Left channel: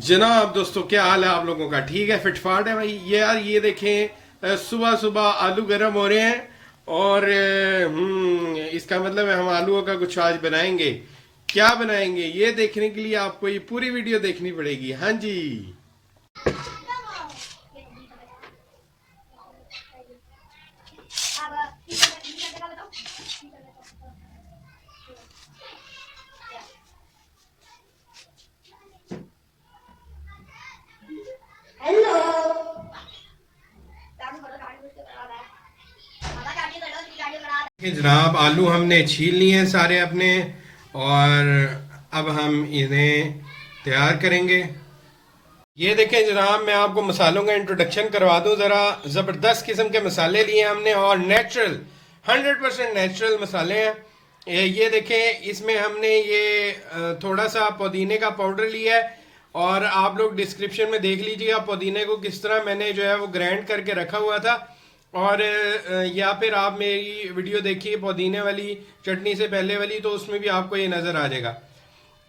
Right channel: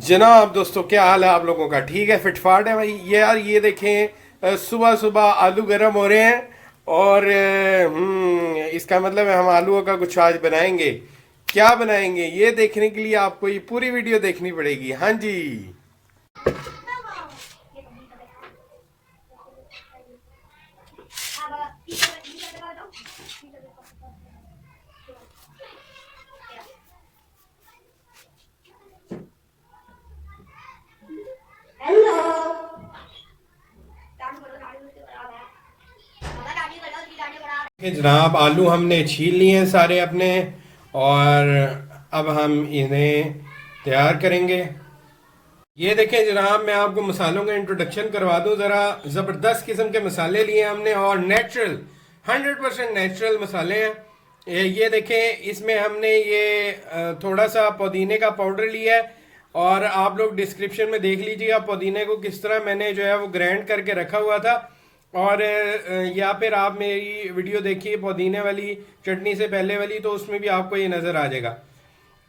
जनाब दोस्तों, क्या हाल है आप लोगों का? ठीक है, फिटफाट है भाई। ये यार ये देखें, सुबह सुबह आलू गर्म हो रहे हैं और इसका मतलब है हम आलूओं का कुछ आज बनाएंगे। क्या बनाएंगे ये देखने के लिए आपको ये पूरी वीडियो देखनी पड़ेगी। हाँ जी। कि जनाब आलू हमने छील लिए हैं सारे अपने, और अब हम इन्हें तैयार करेंगे। ये देखें जनाब, मैं आपको मसालों का इंट्रोडक्शन करवा दूं ज़रा। ज़बरदस्त किस्म के मसाले लिए हमने और नेचुरल 100% नेचुरल मसाले हैं। ये देखें, इसमें हमने ये थोड़ा सा पुदीने का पाउडर लिया है, और आप लोग डिस्क्रिप्शन में देख लीजिएगा पुदीने को किस तरह मैंने जो है वो ग्राइंड करके रखा हुआ था। और या फिर आप मेरी वीडियो देखिए पुदीने वाली चटनी से पहले वाली, तो उसमें भी आपको ये नज़र आ जाएगा।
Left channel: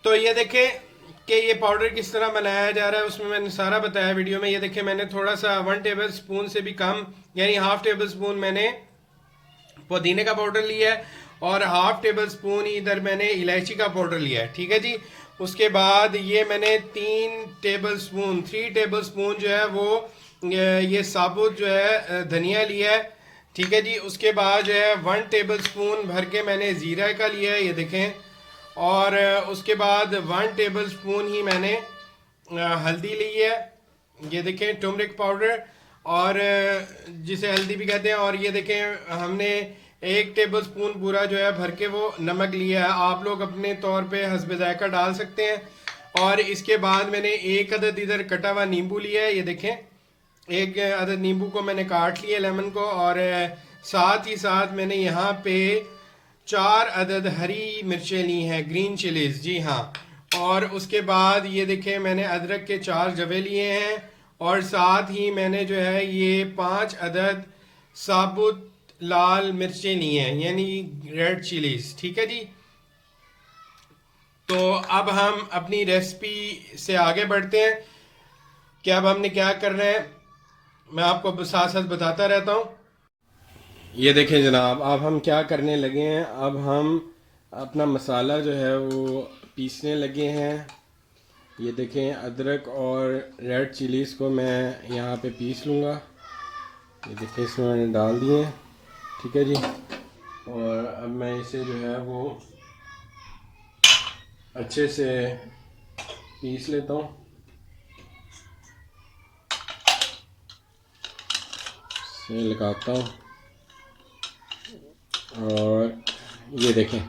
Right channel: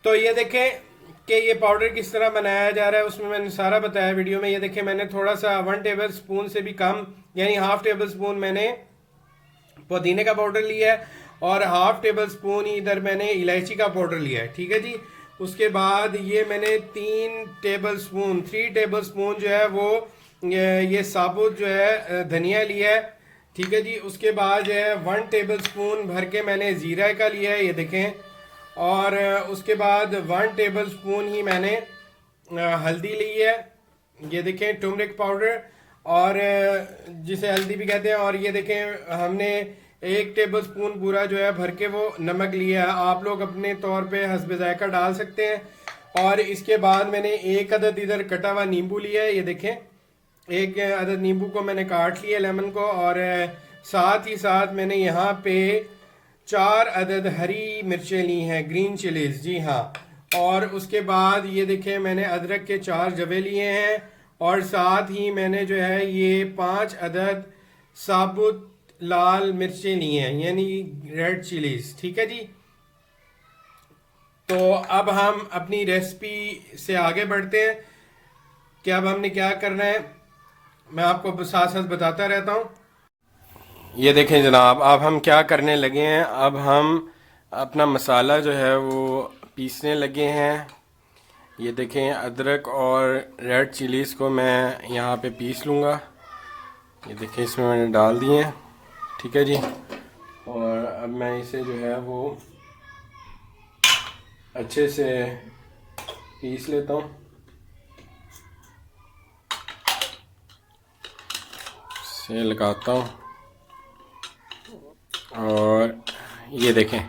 तो ये देखें कि ये पाउडर किस तरह बनाया जा रहा है, उसमें मैंने सारा बताया वीडियो में। ये देखें, मैंने थोड़ा सा 1 टेबल स्पून से भी कम, यानी हाफ टेबल स्पून मैंने पुदीने का पाउडर लिया है, और हाफ टेबल स्पून ही इधर मैंने इलायची का पाउडर लिया है। ठीक है जी। उसके बाद ये मैंने 3 टेबल स्पून जो है वो ये साबुत जो है धनिया लिया है। ठीक है जी। उसके बाद जो है 1 टेबल स्पून भर के मैंने ज़ीरा का लिया है, ये देखें। और उसके बाद 1 टेबल स्पून ही मैंने हल्दी ली है, ये देखें, टर्मरिक पाउडर, और जिसे हल्दी भी कहते हैं। और ये देखें, हमने 1 टेबल स्पून पूरा जो है भर के वो नमक लिया है। आप लोग अपने तौर पे हस्बे जायका डाल सकते हैं। और इसके बाद मैंने 1 अदद इधर कटा हुआ नींबू लिया है, ये देखें। 1 अदद नींबू को मैंने काट लिया, लेमन को। और साथ ही साथ मैंने यहाँ पे 4 अदद हरी मिर्चें ली हैं, ग्रीन चिलीज, जी हाँ। और उसके बाद ये देखें, मैंने अदरक के 4 जवे लिए हैं, और साथ ही मैंने जो है ये 5 अदद साबुत लाल मिर्चें ली हैं, यानी रेड चिलीज। ठीक है जी। तो अब हम अपनी रेसिपी से आगे बढ़ते हैं कि अब हमने क्या करना है, मैं आपको साथ साथ बताता रहता हूँ। ये देखें जनाब, अब हम क्या करने लगे हैं, अब हम अपना मसाला जो है वो पीसने लगे हैं। ये देखें, अदरक और रेड चिलीज़ को मैं यहाँ पे पीस लूँगा। ये देखें, इसमें मैंने डाल दिए हैं। ठीक है जी। और अब मैं इसे जो है वो अच्छे से पीस लेता हूँ। इसे लगाता हूँ। और ये देखें,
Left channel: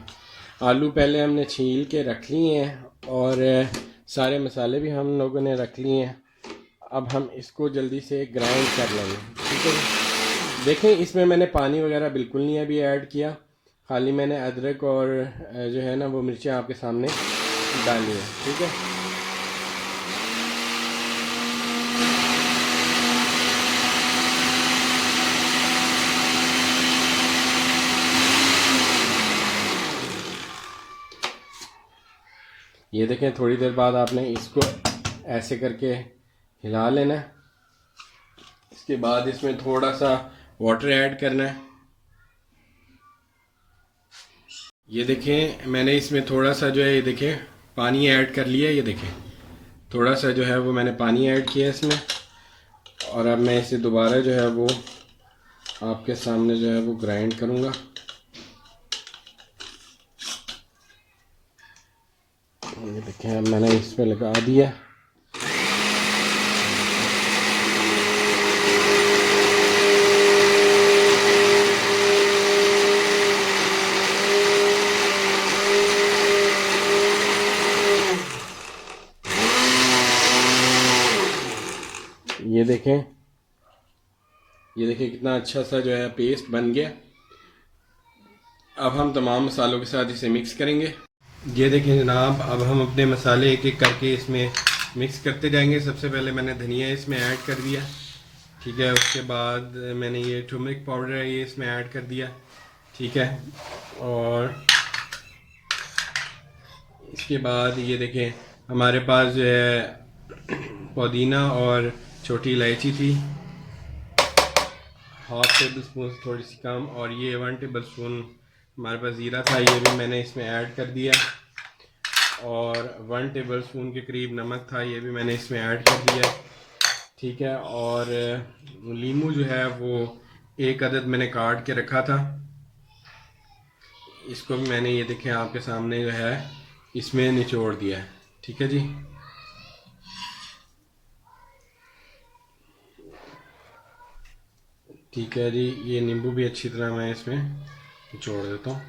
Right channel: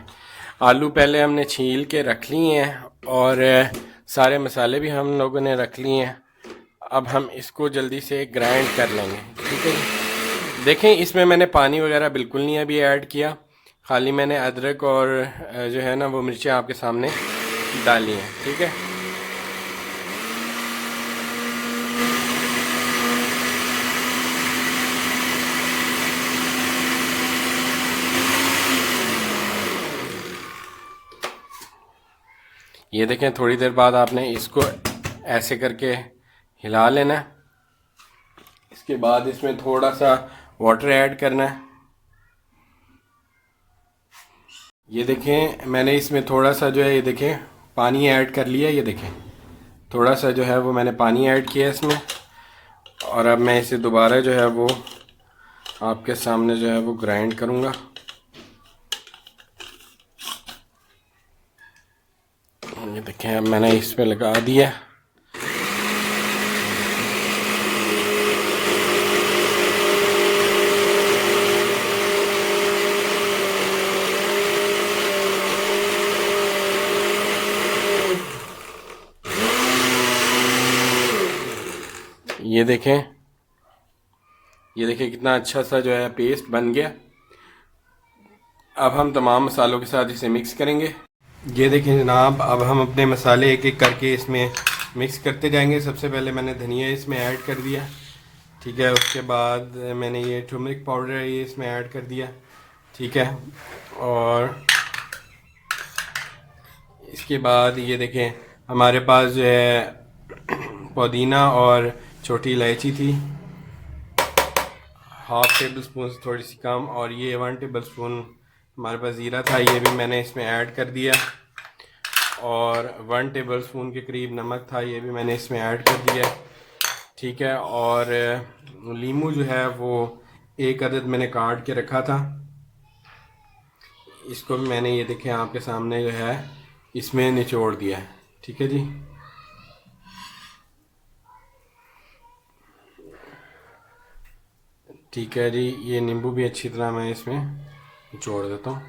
आलू पहले हमने छील के रख लिए हैं, और सारे मसाले भी हम लोगों ने रख लिए हैं। अब हम इसको जल्दी से ग्राइंड कर लेंगे। ठीक है। देखें, इसमें मैंने पानी वगैरह बिल्कुल नहीं अभी ऐड किया, खाली मैंने अदरक और जो है ना वो मिर्चें आपके सामने डाली हैं। ठीक है। ये देखें, थोड़ी देर बाद आपने इसको ऐसे करके हिला लेना है। इसके बाद इसमें थोड़ा सा वाटर ऐड करना है। ये देखें, मैंने इसमें थोड़ा सा जो है, ये देखें, पानी ऐड कर लिया। ये देखें, थोड़ा सा जो है वो मैंने पानी ऐड किया इसमें। और अब मैं इसे दोबारा जो है वो आपके सामने जो है वो ग्राइंड करूँगा। ये देखें, अब मैंने इस पे लगा दिया। ये देखें, ये देखिए कितना अच्छा सा जो है पेस्ट बन गया। अब हम तमाम मसालों के साथ इसे मिक्स करेंगे। ये देखिए जनाब, अब हम अपने मसाले एक एक करके इसमें मिक्स करते जाएंगे। सबसे पहले मैंने धनिया इसमें ऐड कर दिया। ठीक है। उसके बाद मैंने ये टर्मरिक पाउडर है, ये इसमें ऐड कर दिया। ठीक है। और इसके बाद ये देखें, हमारे पास जो है पुदीना और छोटी इलायची थी, हाफ टेबल स्पून से थोड़ी सी कम, और ये 1 टेबल स्पून हमारे पास ज़ीरा था, ये भी मैंने इसमें ऐड कर दिया, और 1 टेबल स्पून के करीब नमक था, ये भी मैंने इसमें ऐड कर दिया। ठीक है, और लीमू जो है वो 1 अदद मैंने काट के रखा था, इसको भी मैंने ये देखें आपके सामने जो है इसमें निचोड़ दिया है। ठीक है जी, ठीक है जी, ये नींबू भी अच्छी तरह मैं इसमें निचोड़ देता हूँ।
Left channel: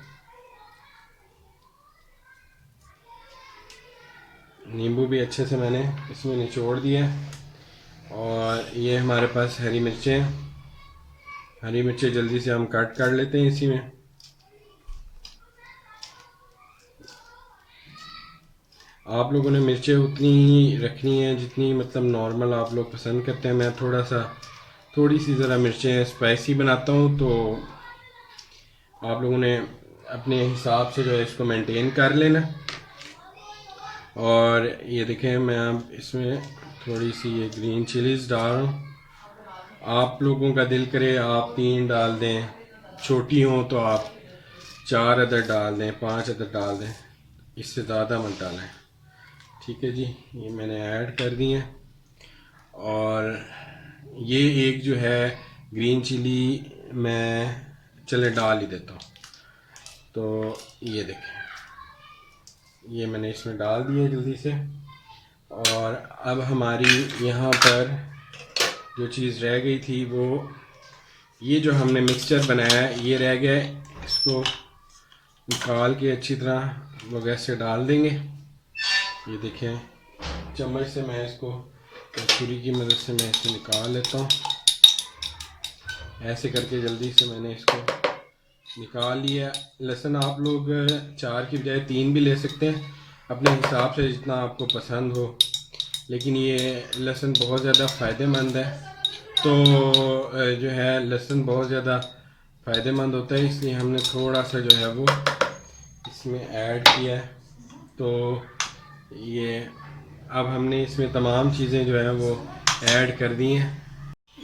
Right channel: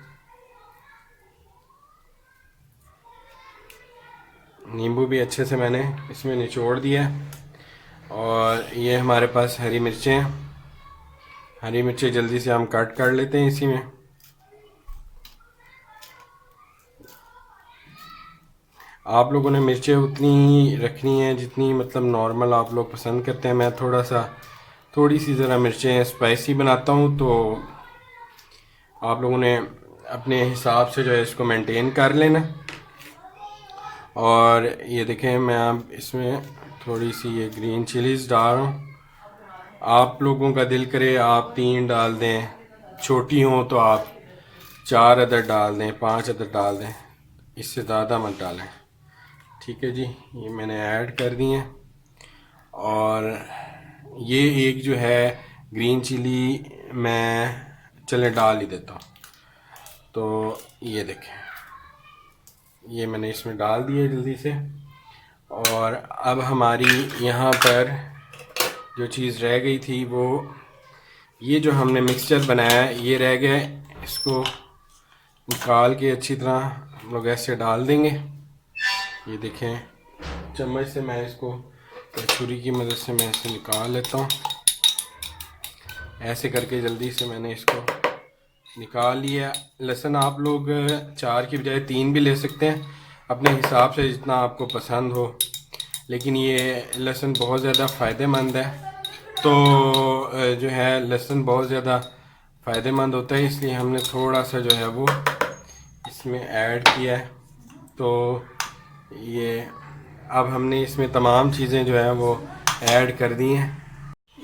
नींबू भी अच्छे से मैंने इसमें निचोड़ दिया है। और ये हमारे पास हरी मिर्चें हैं, हरी मिर्चें जल्दी से हम कट कर लेते हैं इसी में। आप लोगों ने मिर्चें उतनी ही रखनी है जितनी मतलब नॉर्मल आप लोग पसंद करते हैं। मैं थोड़ी सी ज़रा मिर्चें स्पाइसी बनाता हूँ, तो आप लोगों ने अपने हिसाब से जो है इसको मेंटेन कर लेना। और ये देखें मैं अब इसमें थोड़ी सी ये ग्रीन चिलीज़ डाल रहा हूँ। आप लोगों का दिल करे आप 3 डाल दें, छोटी हो तो आप 4 अदद डाल दें, 5 अदद डाल दें, इससे ज़्यादा मत डालें। ठीक है जी, ये मैंने ऐड कर दिए। और ये एक जो है ग्रीन चिली मैं चले डाल ही देता हूँ। तो ये देखें, ये मैंने इसमें डाल दिया जल्दी से। और अब हमारी यहाँ पर जो चीज़ रह गई थी वो ये जो हमने मिक्सचर बनाया है ये रह गया है, इसको निकाल के अच्छी तरह हम लोग ऐसे डाल देंगे। ये देखें चम्मच से मैं इसको छुरी की मदद से मैं इसे निकाल लेता हूँ। ऐसे करके जल्दी से मैंने इसको निकाल लिया। लहसुन आप लोग 4 की बजाय 3 भी ले सकते हैं अपने हिसाब से जितना आपको पसंद हो, लेकिन ये लहसुन बहुत ज़्यादा फ़ायदेमंद है। तो जो है लहसुन बहुत ज़्यादा फ़ायदेमंद होता है, इसलिए हमने थोड़ा सा जो है वो इसमें ऐड किया है। तो ये अब हमने इसमें तमाम चीज़ें जो है वो ऐड कर दी हैं।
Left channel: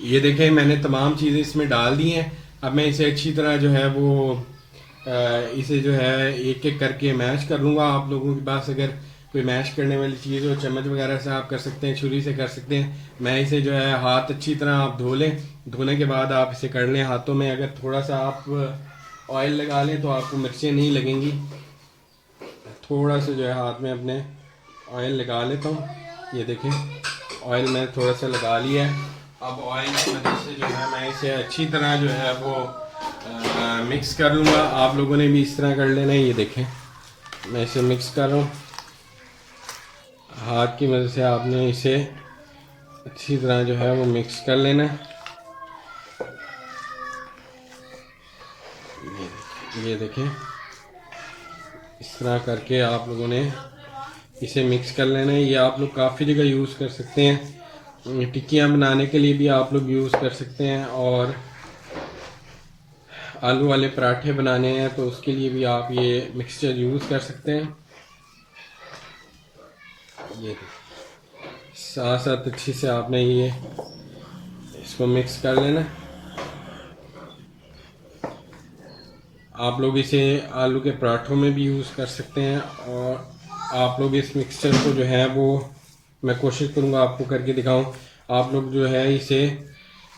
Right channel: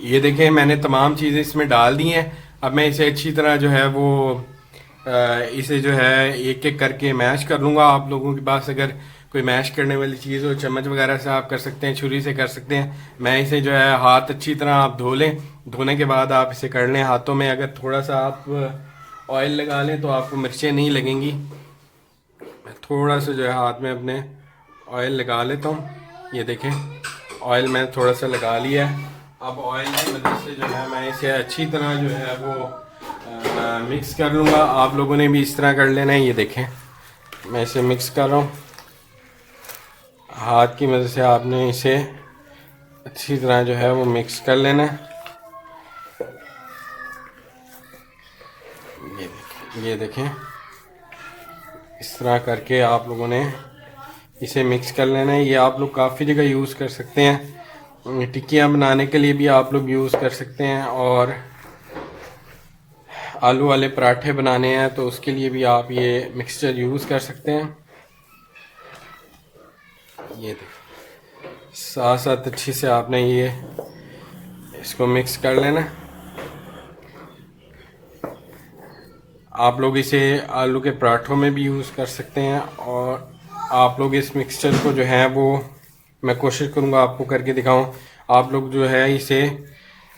ये देखें मैंने तमाम चीज़ें इसमें डाल दी हैं। अब मैं इसे अच्छी तरह जो है वो इसे जो है एक एक करके मैश कर लूँगा। आप लोगों के पास अगर कोई मैश करने वाली चीज़ हो, चम्मच वगैरह से आप कर सकते हैं, छुरी से कर सकते हैं। मैं इसे जो है हाथ अच्छी तरह आप धो लें, धोने के बाद आप इसे कर लें हाथों में। अगर थोड़ा सा आप ऑयल लगा लें तो आपको मिर्चें नहीं लगेंगी। थोड़ा सा जो है हाथ में अपने ऑयल लगा लेता हूँ। ये देखें ऑयल मैं थोड़ा सा लगा लिया है। अब ऑयल की मदद से जो है मैं इसे अच्छी तरह जो है वो मिक्स कर लूँगा। आप लोगों ने भी इस तरह कर लेना है। ये देखें मैं इसे मिक्स कर रहा हूँ हाथ की मदद से। आपने इसे अच्छी तरह जो है वो मिक्स कर लेना है। ये देखें इस तरह करके आप लोगों ने इसे मिक्स कर लेना है। ये आप लोग काफ़ी जगह यूज़ कर सकते हैं, टिक्कियाँ बनाने के लिए भी आप लोग यूज़ कर सकते हैं, और आलू वाले पराठे बनाने हैं तो उसके लिए भी आप ये मिक्सचर यूज़ कर सकते हैं। ये देखिए साथ साथ अच्छी से आपने ये इसको मिक्स कर लेना। आप लोग इसे आलू के पराठों में भी यूज़ कर सकते हैं, और आप लोग इस मिक्सचर को जो है वो मैं कोशिश करूँगा आपको करके दिखाऊं। आप लोग जो है इसे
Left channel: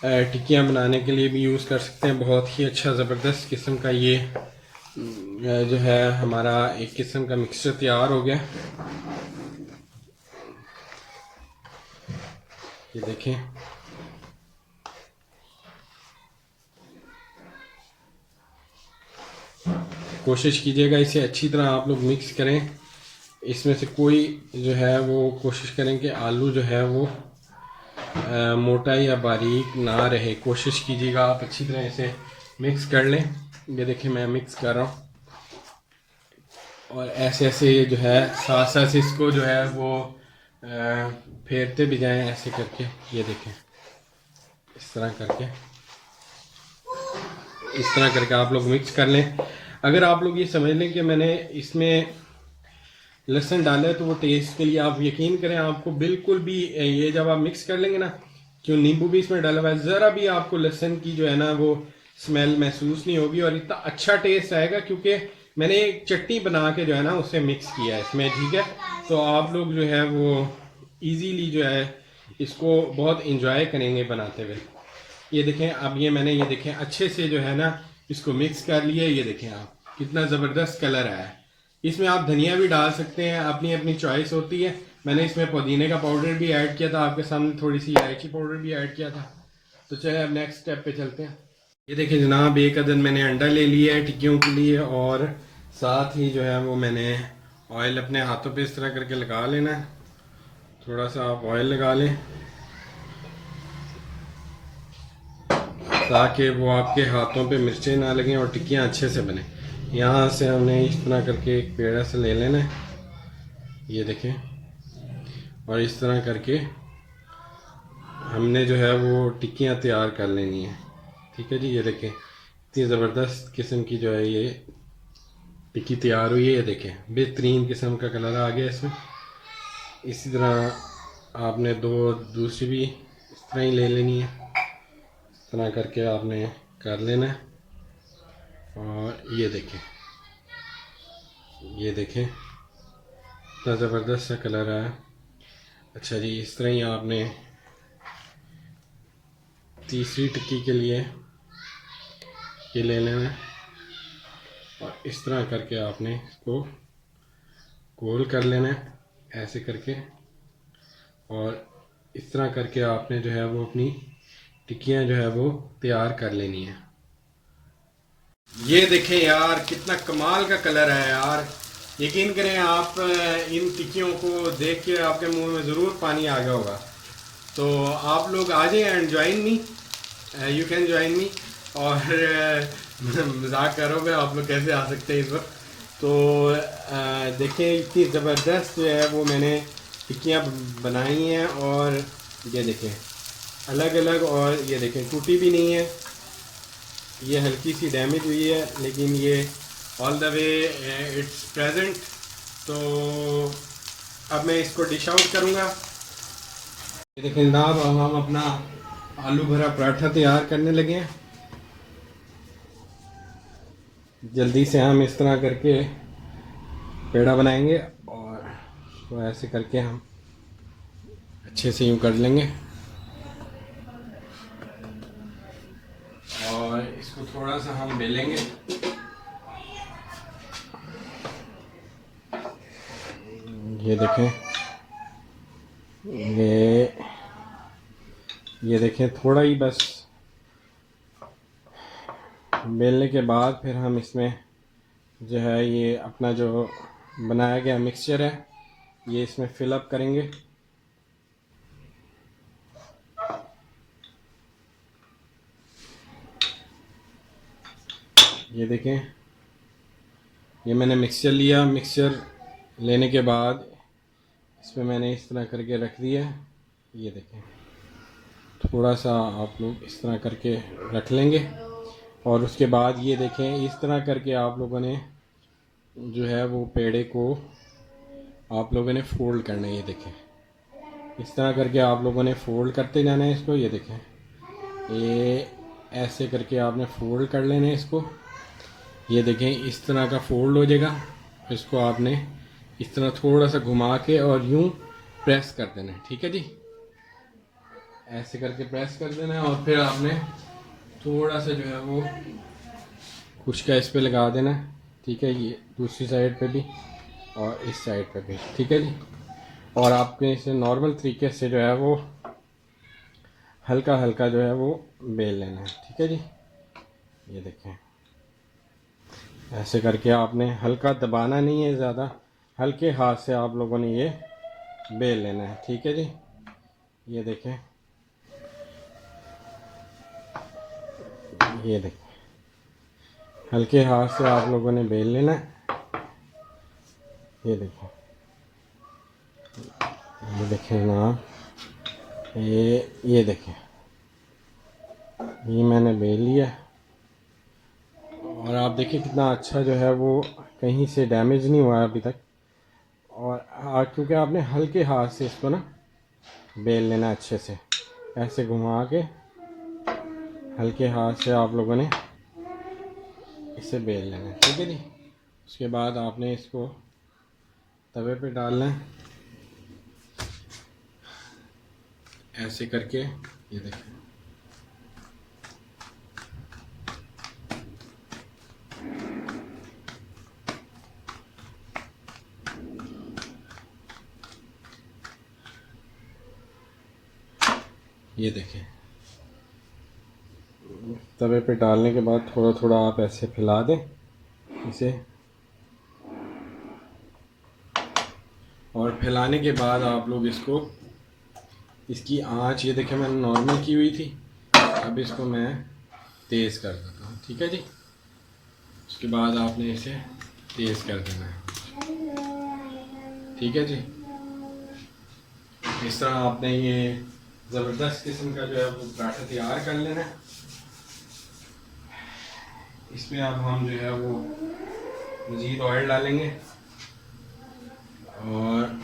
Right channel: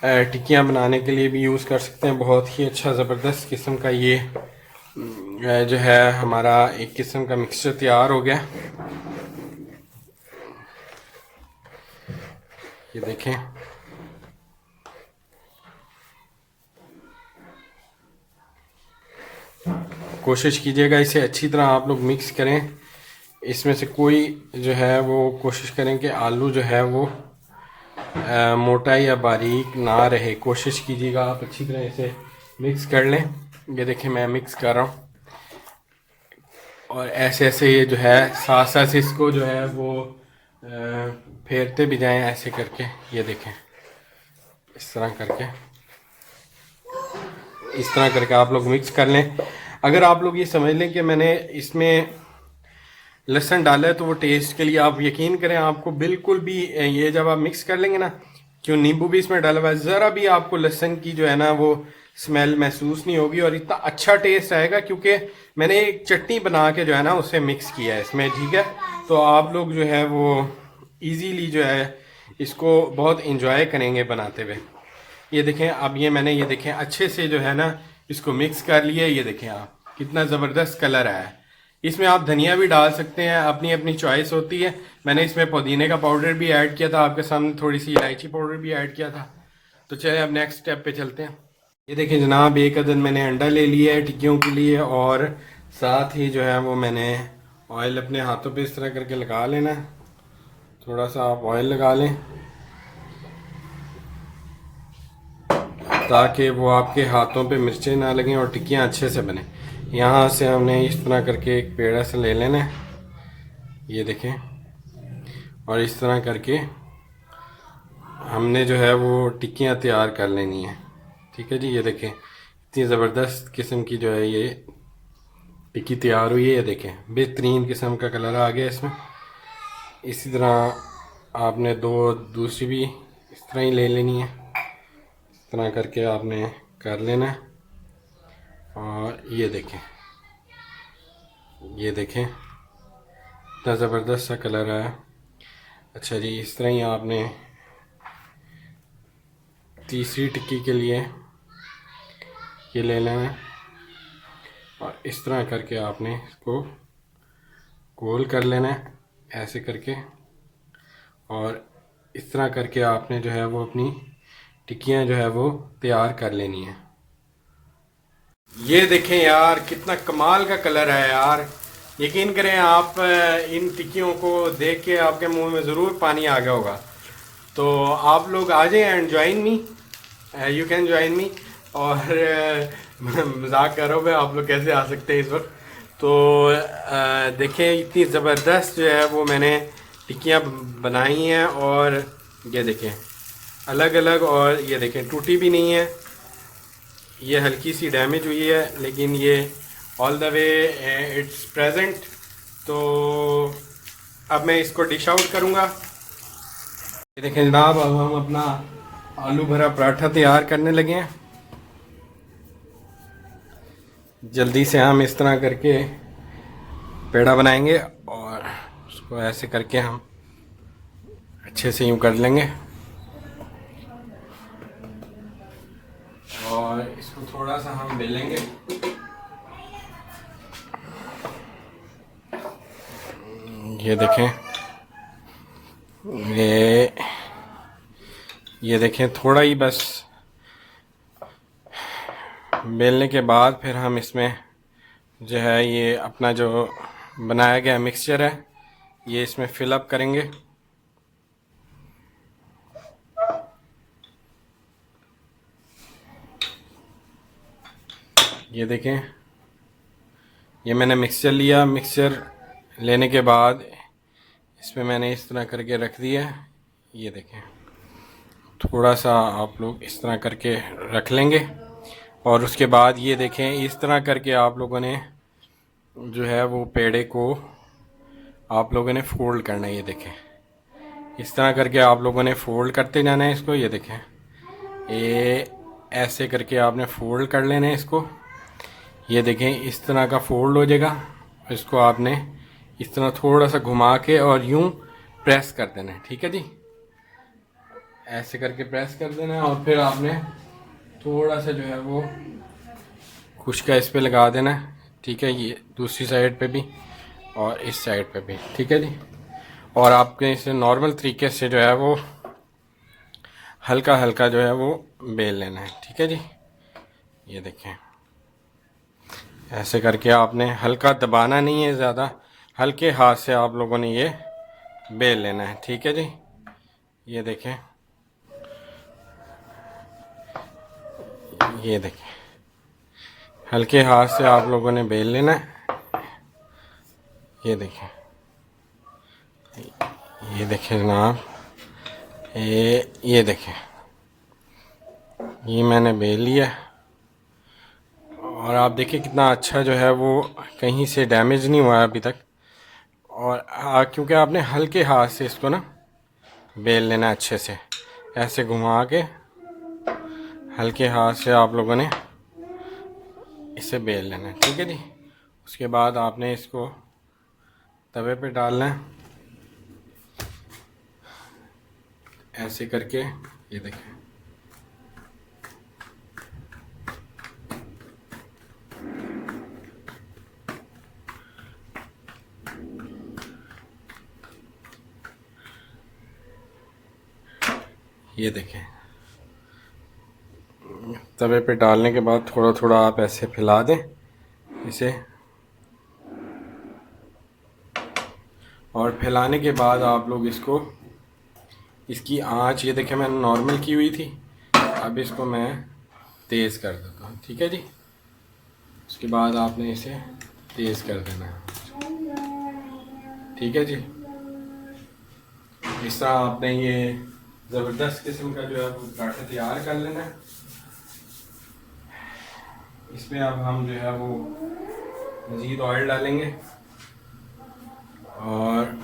टिक्कियाँ बनाने के लिए भी यूज़ कर सकते हैं। बहुत ही अच्छा ज़बरदस्त किस्म का ये जो है हमारा एक किस्म का मिक्सचर तैयार हो गया। ये देखें कोशिश कीजिएगा इसे अच्छी तरह आप लोग मिक्स करें। इसमें से कोई जो है वो कोशिश करें कि आलू जो है वो मोटा या बारीक ना रहे। कोशिश कीजिएगा आप अच्छी तरह इसे मिक्स कर लें। ये देखें मैं मिक्स कर रहा हूँ, और ऐसे ऐसे ये जो है साथ साथ इसको जो है वो फेरते भी जाएं ऐसे करके। ये देखें इस तरह करके आप लोग मिक्स कर लें। अगर आप लोग ये समझ लें कि मैंने इसमें लहसुन डाला है तो वो टेस्ट के लिए आप यकीन करें आपको बिल्कुल भी ये जब आप मिक्स कर लेंगे ना, क्यों नींबू भी इसमें डाला हुआ है, ज़रा भी आपको लहसुन की जो है ना वो स्मेल महसूस नहीं होगी और इतना अच्छा टेस्ट आएगा, क्योंकि मैंने एक चटनी बना के जो है ना उसे मिक्स किया है इसमें, ठीक है। तो आप लोग जो है वो इजीली जो है इसको बहुत इंजॉय करेंगे बनाते हुए। ये देखें, अब ये मैंने ये देखें अच्छे से जो है ना इसको मिक्स कर लिया। ये देखें आप कितना ज़बरदस्त कलर आया है। इसमें आप धनिया भी डाल सकते हैं, अपनी अपनी चॉइस होती है। मैंने इसमें पुदीने का पाउडर भी ऐड किया था, आपके सामने थोड़ी सी इलायची पाउडर भी ऐड किया था। तो चलिए अब नेक्स्ट स्टेप पे चलते हैं। ये देखिए जनाब, एक अदद मैंने अंडा ले लिया है टिक्कियों के लिए, और साथ ही जो है वो मैंने ऑयल अपने हाथों पे इस तरह करके लगा लेना है। थोड़ा सा आप ऑयल लगा लें ताकि वो आपके हाथों पे मिर्चें ना लगें और टिक्कियाँ अच्छे से बने। यहाँ से हमने इस तरह करके एक पेड़ा से ले लेना है, ये देखें, और इस तरह करके हमने जो है वो टिक्कियाँ तैयार कर लेनी है, ठीक है जी। ये देखें इतनी ज़बरदस्त किस्म की जो है ये टिक्की तैयार हुई है। ये देखें बेहतरीन किस्म का कलर आ गया इसमें। इसी तरह आपने दो दूसरी भी इस तरह ही ले लेनी है, इस तरह करके आपने कर लेना है। और ये देखें, ये देखें इतना ज़बरदस्त सा कलर है। अच्छा जी, इस तरह ही आपने तीसरी टिक्की के लिए ये ले लेना है और इस तरह करके आपने इसको गोल कर लेना है ऐसे करके, और इस तरह करके आपने जो है वो अपनी टिक्कियाँ जो है वो तैयार कर लेनी है। ये देखें यार कितना कमाल का कलर है यार, यकीन करें आप इन टिक्कियों को देख के आपके मुंह में ज़रूर पानी आ गया होगा। तो आप लोग आ जाएं and join me, you can join me. और मजाक कर रहा हूँ मैं, आप लोग कैसे आ सकते हैं इस वक्त। तो देखें इतनी ज़बरदस्त जो है वो मैंने टिक्कियाँ बनाई हैं, और ये देखें अलग अलग, और ये देखें टूटी भी नहीं है। ये हल्की सी डैमेज हुई है लेकिन ये all the way it's present. तो अब मैं इसको डिश आउट करूँगा। ये देखें जनाब, अब हम अपना आलू भरा पराठा तैयार करने लगे हैं। जल्दी से हम इस तरह करके पेड़ा बनाएंगे और उसको ऐसे करके हम अच्छे से यूँ कर लेंगे, और इसको थोड़ा सा हम बेलेंगे। ये देखें, ये देखें थोड़ा ही बस बेलने के बाद फिर हम इसमें जो है ये अपना जो बनाया गया मिक्सचर है ये इसमें फिल अप करेंगे। ये देखें, ये मैंने मिक्सचर लिया। मिक्सचर लेने के बाद इसमें मैंने इस तरह करके रख दिया। ये देखें थोड़ा सा आप लोग इस तरह करके रख लेंगे, और उसके बाद ये देखें इस तरह करके आप लोगों ने जो है वो पेड़े को आप लोगों ने फोल्ड करना है। ये देखें इस तरह करके आप लोगों ने फोल्ड करते जाना है इसको। ये देखें ये ऐसे करके आपने फोल्ड कर लेना है इसको। ये देखें इस तरह का फोल्ड हो जाएगा, इसको आपने इस तरह थोड़ा सा घुमा के और यूं प्रेस कर देना है, ठीक है जी। ऐसे करके प्रेस कर देना है और फिर आपने थोड़ा सा जो है वो खुशका इस पे लगा देना है, ठीक है। ये दूसरी साइड पे भी और इस साइड पे भी, ठीक है जी। और आपके इसे नॉर्मल तरीके से जो है वो हल्का हल्का जो है वो बेल लेना है, ठीक है जी। ये देखें ऐसे करके आपने हल्का दबाना नहीं है, ज़्यादा हल्के हाथ से आप लोगों ने ये बेल लेना है, ठीक है जी। ये देखें, ये देखें हल्के हाथ से आप लोगों ने बेल लेना है। ये देखें, ये देखें जनाब, ये देखें ये मैंने बेल लिया, और आप देखिए कितना अच्छा जो है वो कहीं से डैमेज नहीं हुआ अभी तक। और क्योंकि आपने हल्के हाथ से इसको ना बेल लेना अच्छे से, ऐसे घुमा के हल्के हाथ से आप लोगों ने इसे बेल लेना है, ठीक है जी। उसके बाद आपने इसको तवे पे डालना है ऐसे करके, ये देखिए। ये देखें, तवे पे डालने के बाद थोड़ा थोड़ा आप ऐसे फैला दें इसे, और फैलाने के बाद आप लोग इसको, इसकी आंच ये देखें मैंने नॉर्मल की हुई थी, अब इसको मैं तेज़ कर देता हूँ, ठीक है जी। उसके बाद आपने इसे तेज़ कर देना है, ठीक है जी। इस तरह आपने ये ज़बरदस्त किस्म का जो है वो पराठा तैयार कर लेना है। इसमें अब हम जो है वो मज़ीद ऑयल डालेंगे और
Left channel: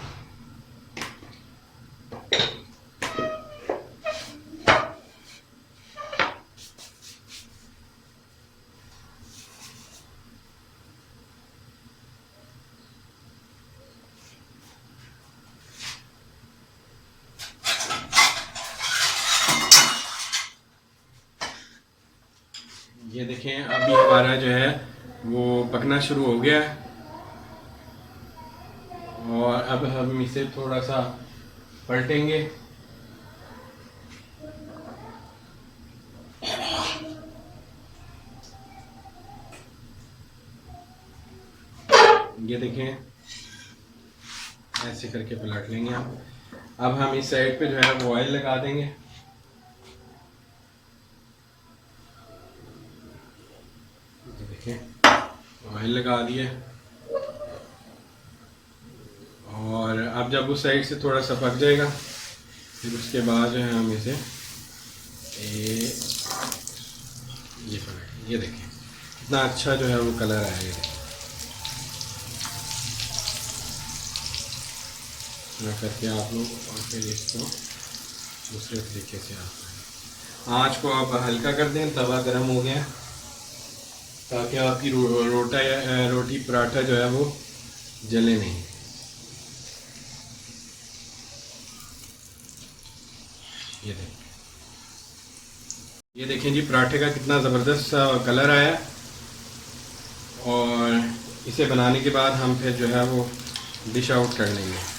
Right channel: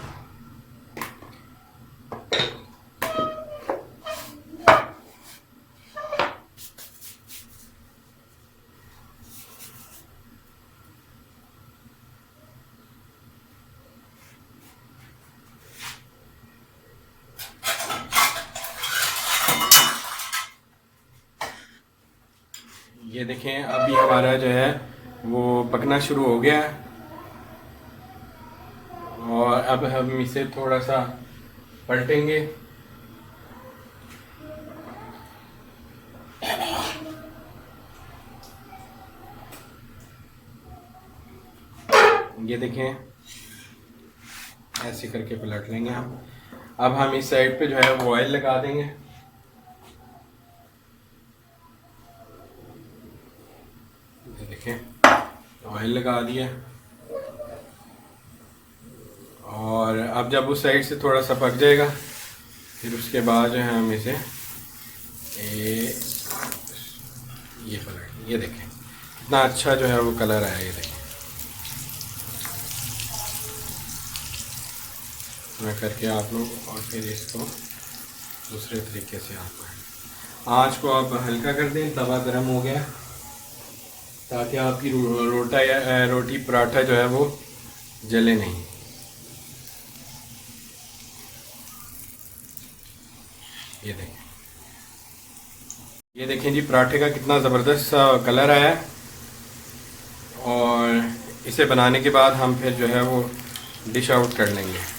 ये देखें अभी हमारा जो है वो पकना शुरू हो गया है। और अब हम इसे थोड़ा सा पलटेंगे। ये देखें ऐसे करके पलट लेंगे हम। अब हम इस साइड पे जो है वो ऑयल लगा देंगे। देखें ऑयल लगा दिया, और अब जब उस साइड से थोड़ा सा पक जाएगा फिर उसके बाद जो है हम इसे ये पलट, ये देखें कितना अच्छा जो है वो कलर आया। ये देखें इतना करके आप लोग, और फिर इसको दूसरे तरीके से आप आँच को आप हल्का कर दें, तवा गर्म हो गया, ताकि आपकी रोटी पराठा जो है वो जले नहीं। ये देखें जी पराठे का कितना ज़बरदस्त कलर आया। और इसे बनाने के बाद हम फिर जो है वो डिश आउट कर लेंगे।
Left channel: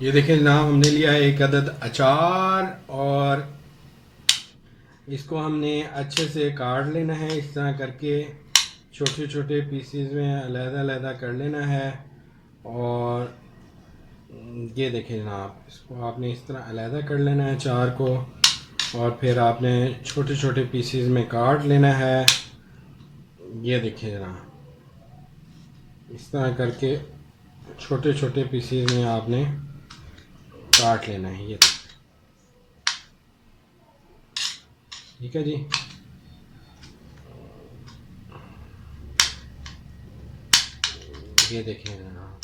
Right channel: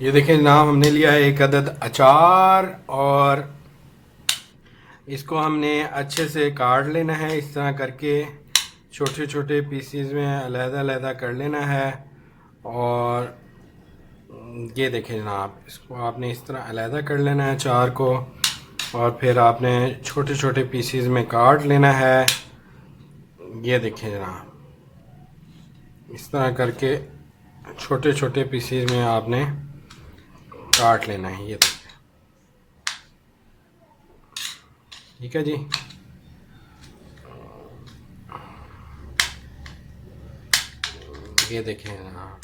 ये देखें जनाब हमने लिया है एक अदद अचार, और इसको हमने अच्छे से काट लेना है इस तरह करके, छोटे छोटे पीसीज में अलग-अलग कर लेना है। और ये देखें जनाब इसको आपने इस तरह अलग कर लेना है अचार को, और फिर आपने छोटे छोटे पीसीज में काट लेना है। ये देखें जनाब इस तरह करके छोटे छोटे पीसीज में आपने काट लेना है। ये ठीक है जी। ये देखें हाँ,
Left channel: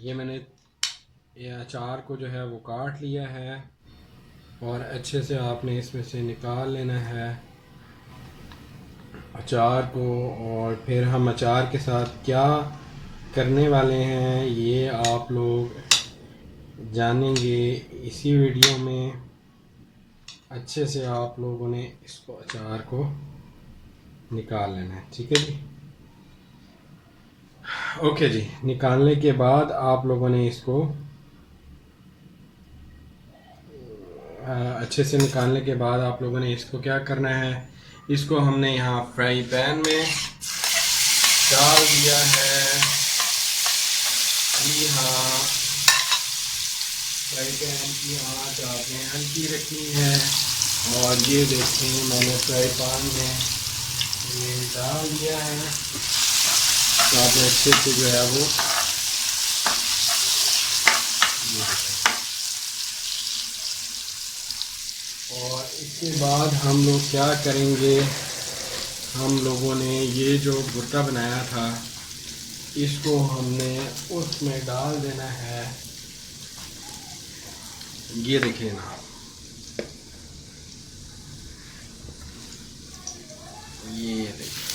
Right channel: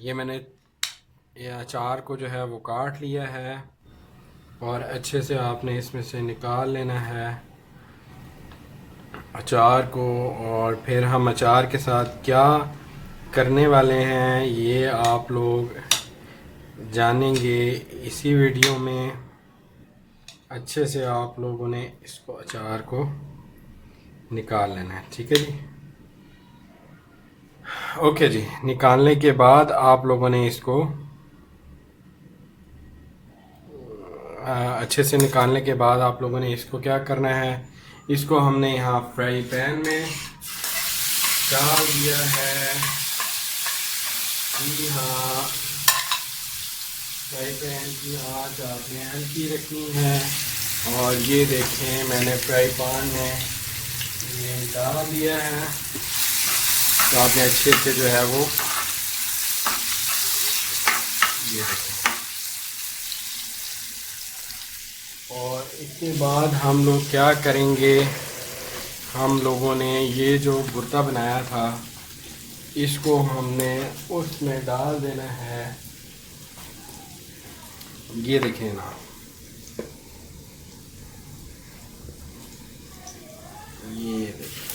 ये मैंने ये अचार को जो है वो काट लिया है और अच्छे से आपने इसमें से निकाल लेना है अचार को। और फिर हम अचार के साथ क्या करने वाले हैं ये आप लोग जानेंगे इसी वीडियो में। अच्छे से आप लोगों ने इसको अचार को निकाल लेना है, ठीक है जी। ओके जी, निकालने के बाद आप लोगों ने इसको अच्छे से निकालने के बाद आप लोगों ने इसको क्या करना है, इसको हमने यहाँ फ्राई पैन में डाल दिया है। जी हाँ, फ्राई पैन की आंच आपने हल्की रखनी है। और ये देखें मैंने फ्राई पैन में ये डाल दिया है, तो आपने अच्छे से जो है वो ये देखें। और इसके बाद हम लोग क्या करेंगे, हम लोगों ने ये जो भुर्ता बनाया था इसको हमने उसमें डाल देना है। ये देखें ना, ये देखें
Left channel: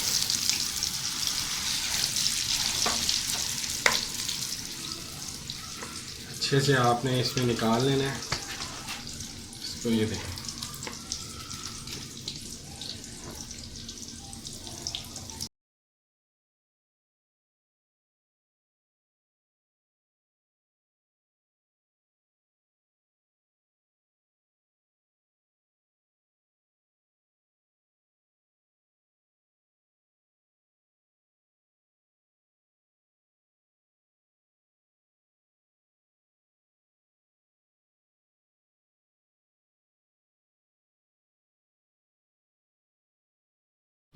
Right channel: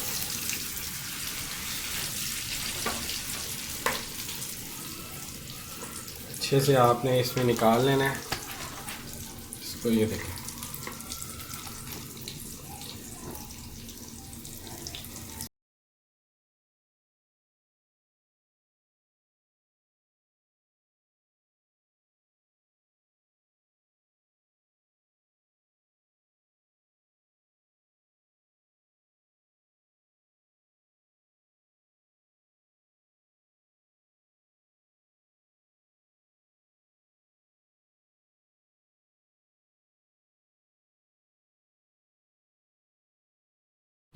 अच्छे से आपने इसमें निकाल लेना है इसको। ये देखें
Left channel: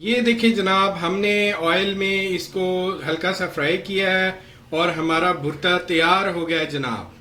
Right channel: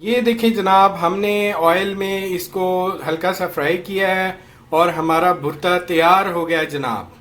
ये देखिए जनाब, हमने ऑयल में इसको हल्का सा फ्राई किया है और हमारा भुर्ता तैयार हो गया है जनाब।